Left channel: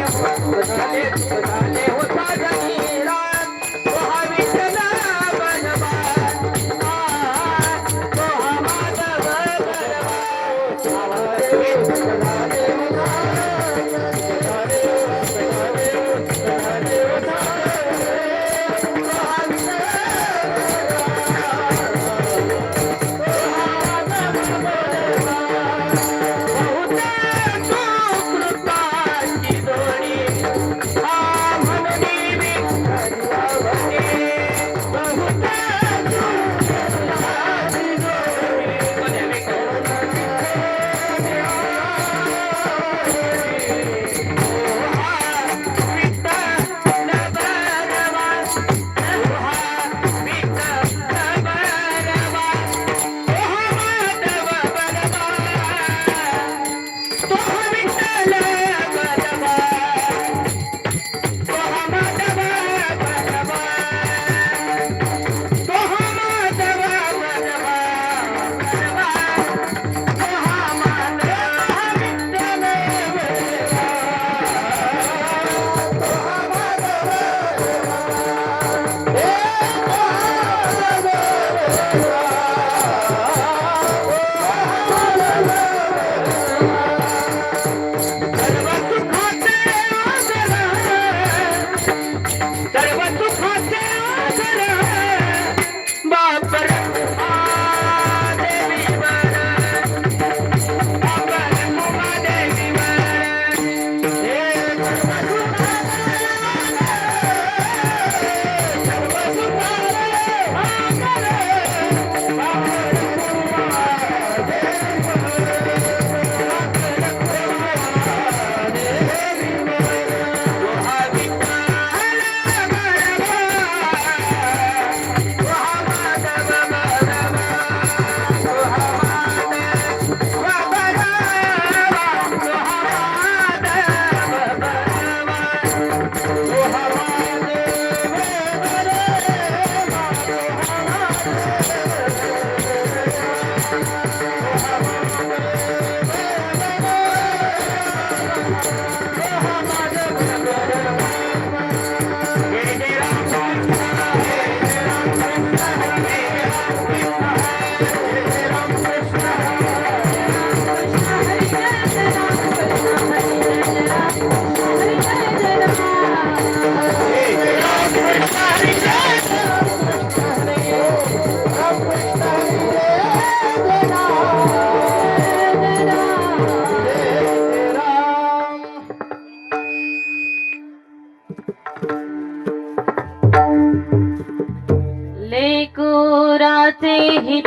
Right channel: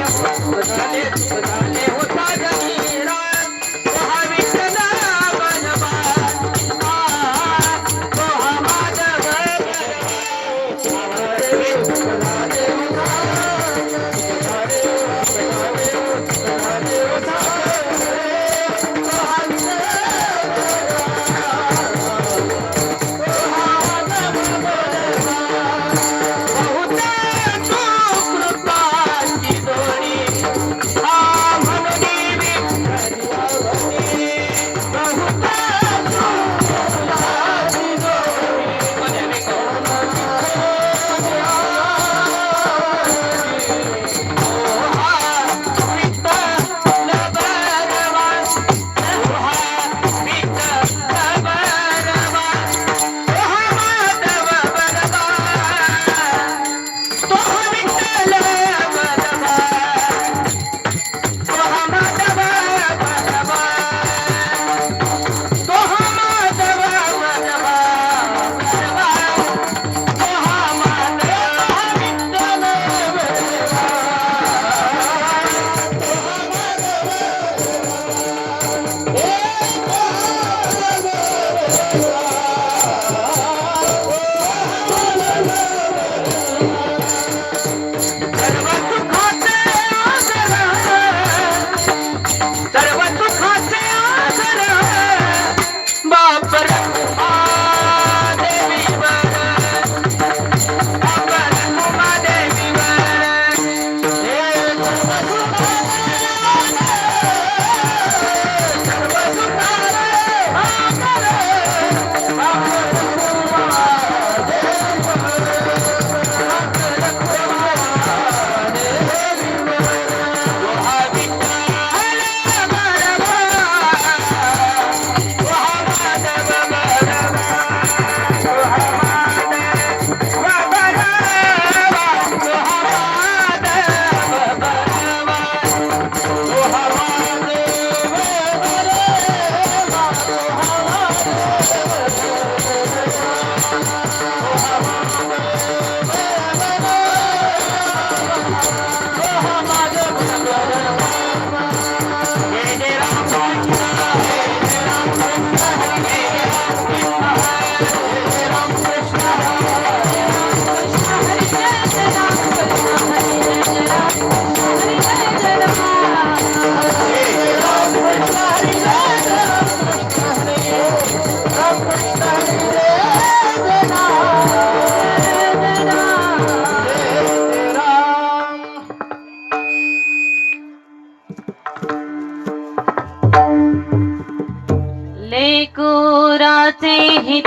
Let's get it.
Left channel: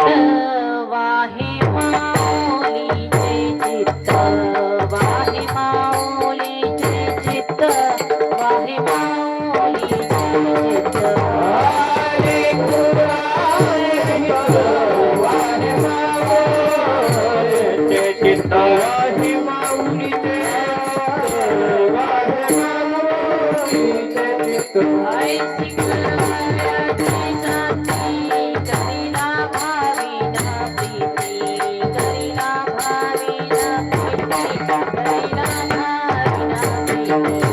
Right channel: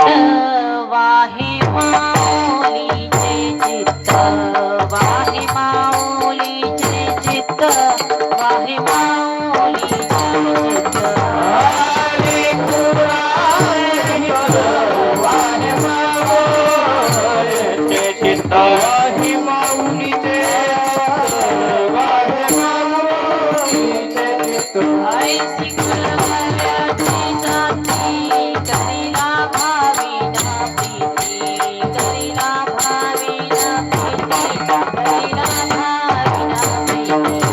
वाहि माऊलीचे चित्त वाहे माऊलीचे Thank you.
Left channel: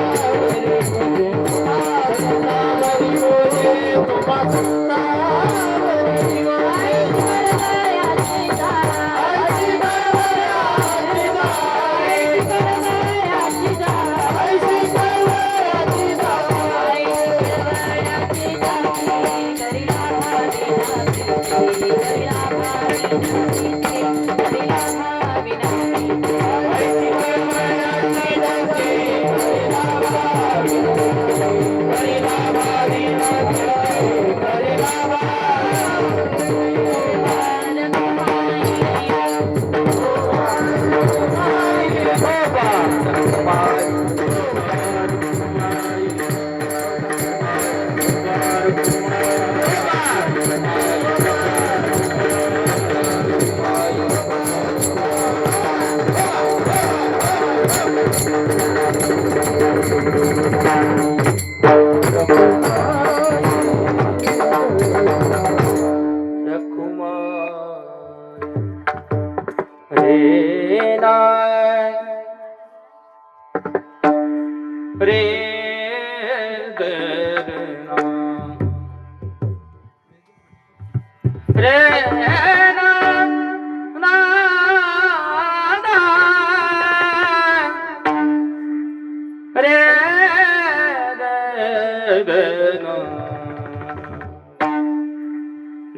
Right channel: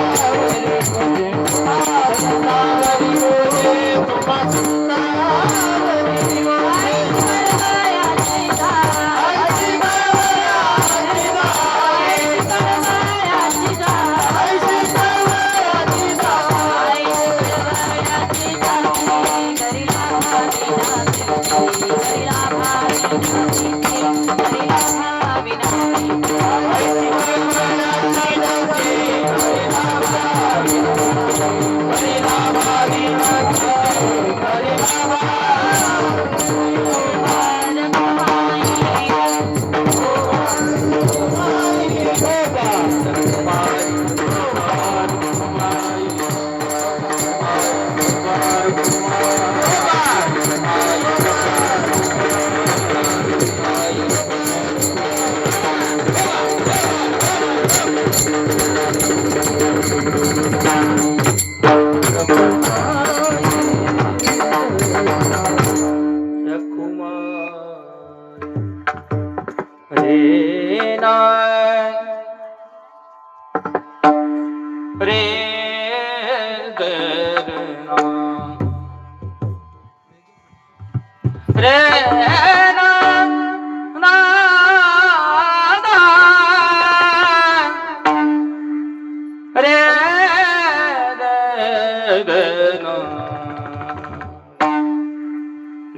Thank you.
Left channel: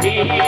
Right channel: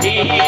你。